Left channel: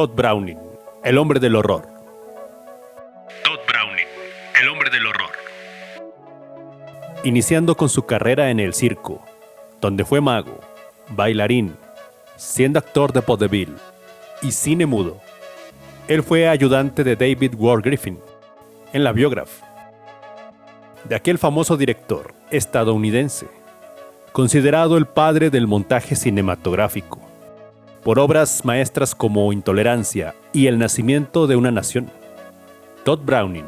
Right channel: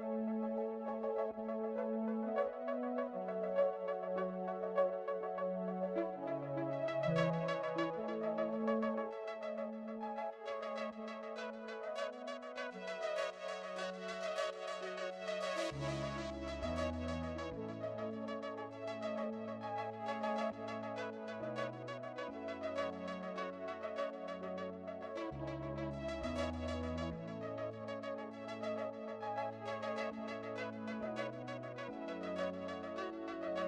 Todd Browning, el hombre del horror. Todd Browning, el hombre del horror. Iniciando con su carrera en el circo, donde fue mago, bailarín, siendo actor de vodevil y cine mudo. Él fue ayudante de David Ward Griffin en la Biograph, de aquel famoso director estadounidense, considerado el padre del montaje cinematográfico, por obras maestras como Intolerancia y El nacimiento de una nación. Todd Browning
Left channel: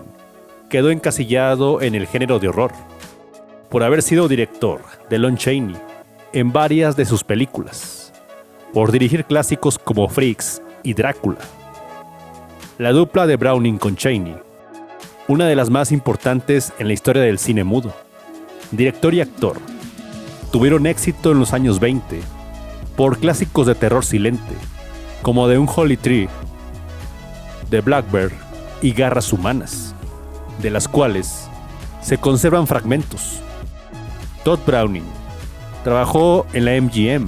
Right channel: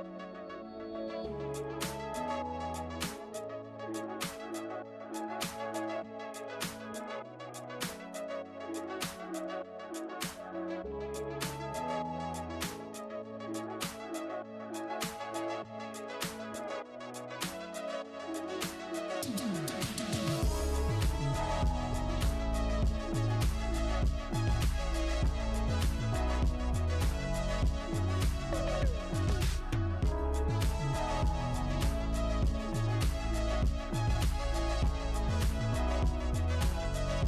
quedó encasillado en el género de horror, por haber sido director de Lon Chaney en varias de sus películas, por dirigir clásicos como Freaks y Drácula. La dupla de Browning con Chaney, una de las más importantes en la historia del cine mudo. Director y actor tuvieron éxito en los años 20 por clásicos de terror silente, como The Unholy Tree, The Blackbird y Garras Humanas, de las cuales se conservan fragmentos. Todd Browning trabajó en la MGM.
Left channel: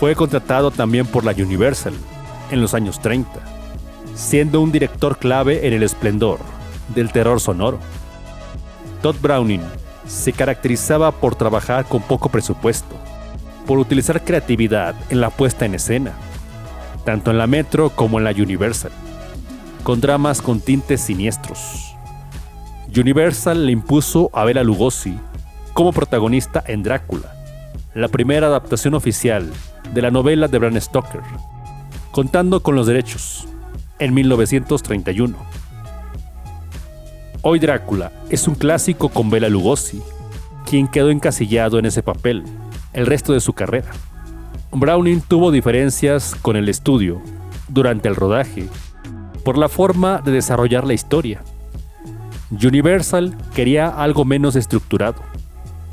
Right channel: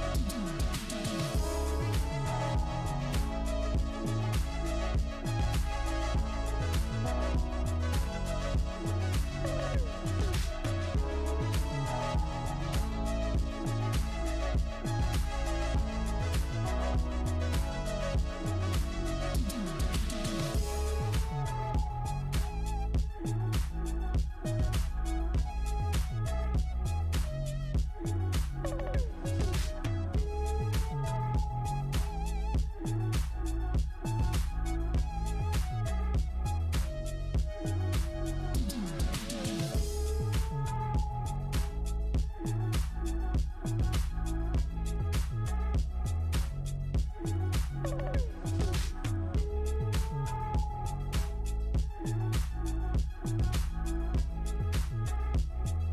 Fue contratado también por la Universal en los años 30, siendo un director clave en el esplendor del terror sonoro. Todd Browning se caracterizaba por trabajar con poco presupuesto, por utilizar creatividad en la puesta en escena, tanto en la Metro como en la Universal, con dramas con tintes siniestros. Universal le impuso a Bela Lugosi como protagonista en Drácula, la primera adaptación oficial de la novela de Bram Stoker, contando con los derechos en 1931. Hoy Drácula es un clásico con Bela Lugosi, quien quedó encasillado en ese papel el resto de su carrera. Browning tuvo diferencias con el estudio durante el rodaje por la forma de desarrollar la historia. Universal quería algo menos estructurado.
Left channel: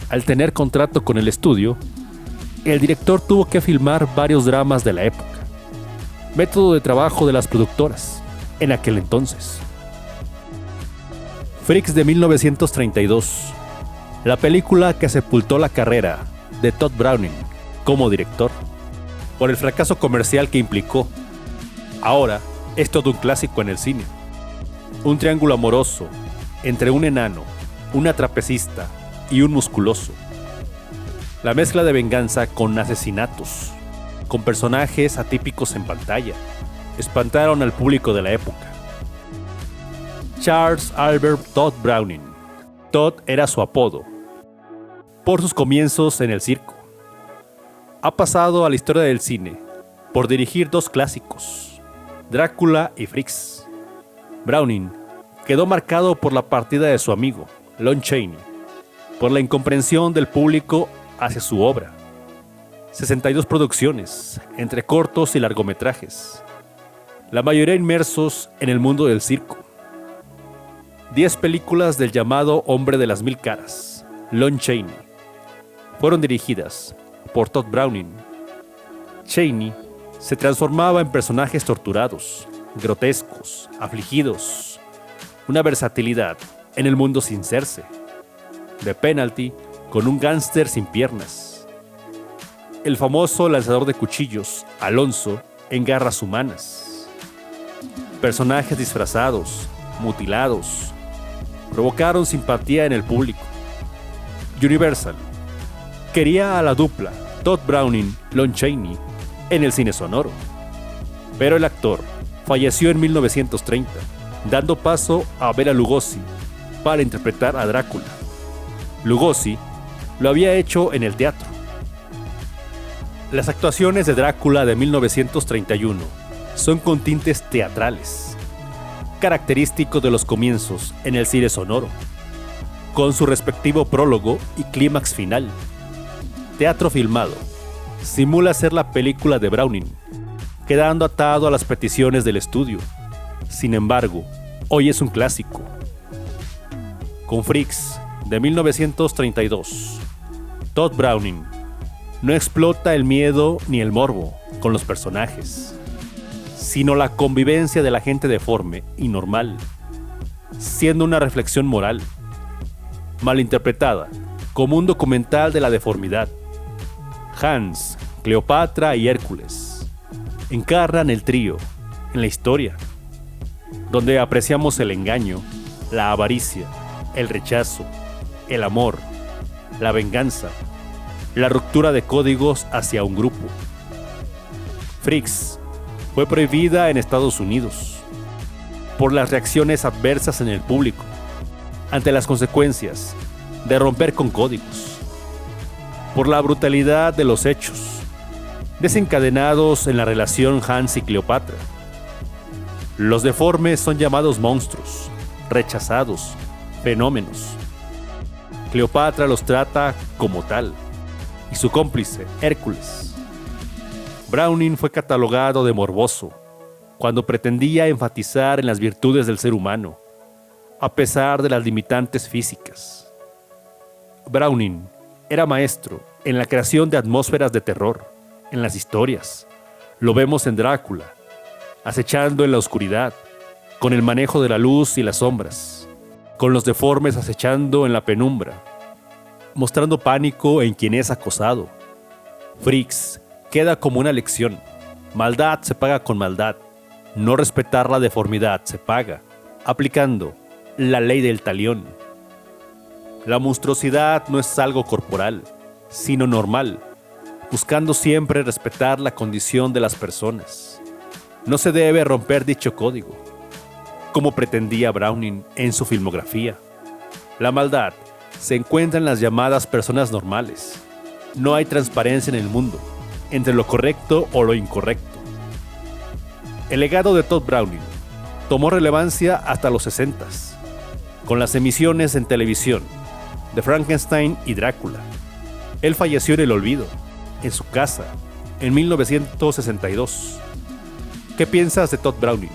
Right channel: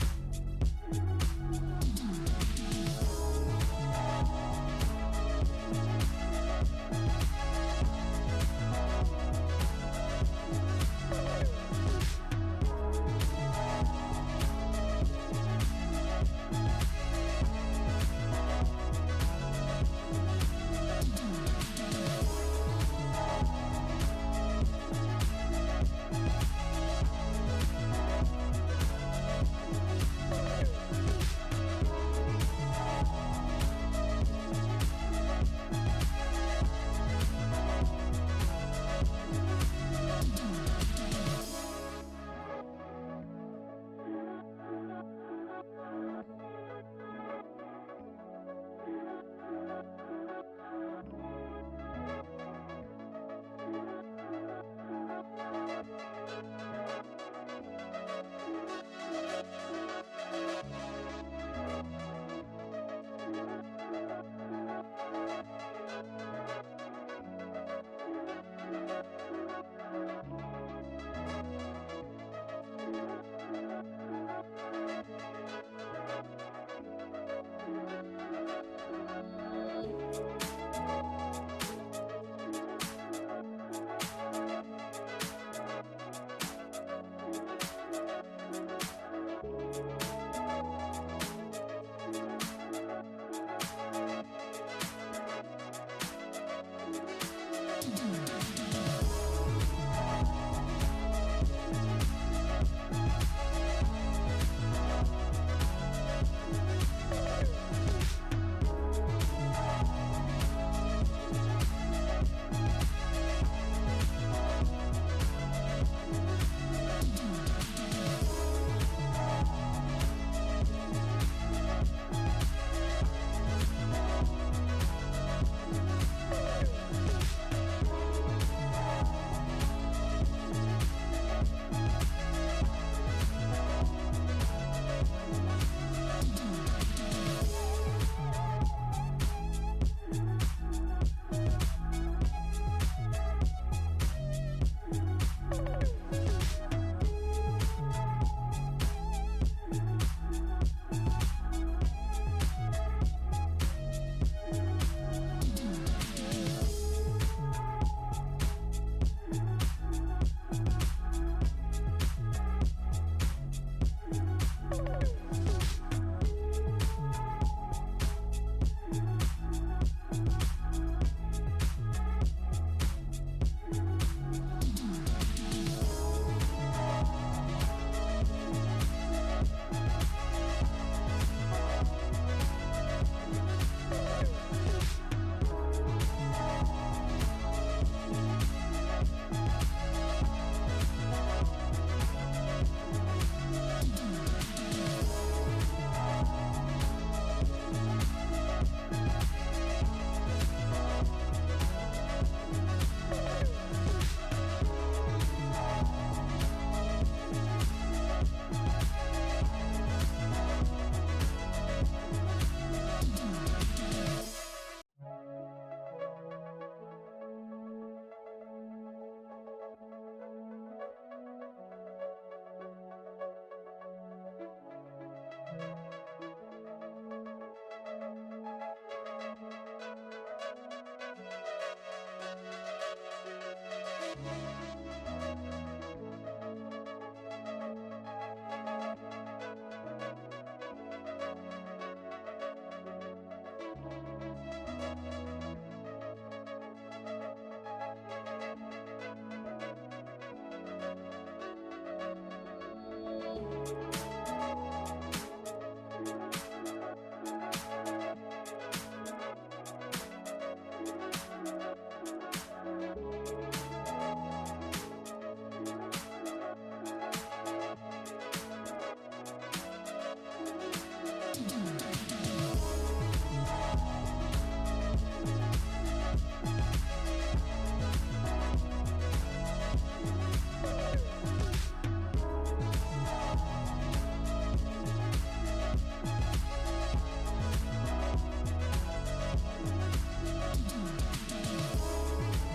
Al tener contrato con el estudio, el director tuvo que filmar varios dramas de la época, método de trabajo de las productoras en aquel entonces. Freaks de 1932, la película que sepultó la carrera de Todd Browning como director, por el fracaso comercial que implicó. Ahora es todo un clásico en el cine. Un triángulo amoroso entre un enano, una trapecista y un musculoso. La mezcla de venganza con asesinatos, con personajes atípicos en pantalla, espantaron al público de la época. Charles Albert Todd Browning. Todd era su apodo, por sus comienzos en el circo. Ha pasado a la historia del cine por dirigir dos clásicos, Drácula y Freaks. Browning quedó marcado por la partida de su amigo, Lon Chaney, por la incomprensión del público hacia su obra. 62 producciones, entre cortos y largometrajes, la mayoría inmersos en el mundo del circo. 10 películas del llamado Hombre de las Mil Caras, Lon Chaney, fueron dirigidas por Todd Browning. Chaney se transformaba en personajes torturados, grotescos, afligidos, una versatilidad en el mundo sin serse. The Penalty con un gángster sin piernas. El famoso lanzador de cuchillos, Alonso, en Garras Humanas. Personajes disfrazados, mutilados, provocaron simpatía en el público. Universal quería a la dupla Todd Browning-Lon Chaney en el cine sonoro, pero el actor falleció en 1930, dando paso a Bela Lugosi para interpretar a Drácula. Lugosi lo había hecho en el teatro. Las actuaciones de Drácula de 1931 son con tintes teatrales, característico de los comienzos en el cine sonoro, con su respectivo prólogo y clímax final. Teatro filmado simula ser la película de Browning, quedando atado a las peticiones del estudio. Sin embargo, hoy es un clásico. Con Freaks de 1932, Todd Browning no explota el miedo ni el morbo con los personajes, sino la convivencia de la gente deforme y normal, siendo una reflexión moral, malinterpretada como un documental de la deformidad. Hans, Cleopatra y Hércules encarnan el trío en la historia, donde apreciamos el engaño, la avaricia, el rechazo, el amor, la venganza, la ruptura de códigos hacia un grupo. Freaks fue prohibida en Estados Unidos por las reacciones adversas en el público ante las consecuencias de romper con códigos, por la brutalidad de los hechos desencadenados en la relación Hans y Cleopatra. Los deformes son llamados monstruos, rechazados, fenómenos. Cleopatra los trata como tal, y su cómplice, Hércules. Browning fue catalogado de morboso cuando pretendía enfatizar en las virtudes del ser humano, a pesar de las limitantes físicas. Browning era maestro en la creación de atmósferas de terror, en las historias. Lo vemos en Drácula, acechando en la oscuridad, con el manejo de la luz y las sombras, con los deformes acechando en la penumbra, mostrando pánico en quien es acosado. Freaks queda como una lección. Maldad se paga con maldad. No respetar la deformidad se paga, aplicando la ley del talión. La monstruosidad no es algo corporal, sino normal, buscando siempre respetar la condición de las personas. No se debe romper dicho código, como pretendía Browning en su filmografía. La maldad se encuentra en las llamadas personas normales. No hay transparencia en el mundo entre lo correcto o lo incorrecto. El legado de Todd Browning tomó relevancia hasta los 60s, con las emisiones en televisión de Frankenstein y Drácula. Él falleció en el olvido, en su casa, en 1962. ¿Qué piensas de Todd Browning?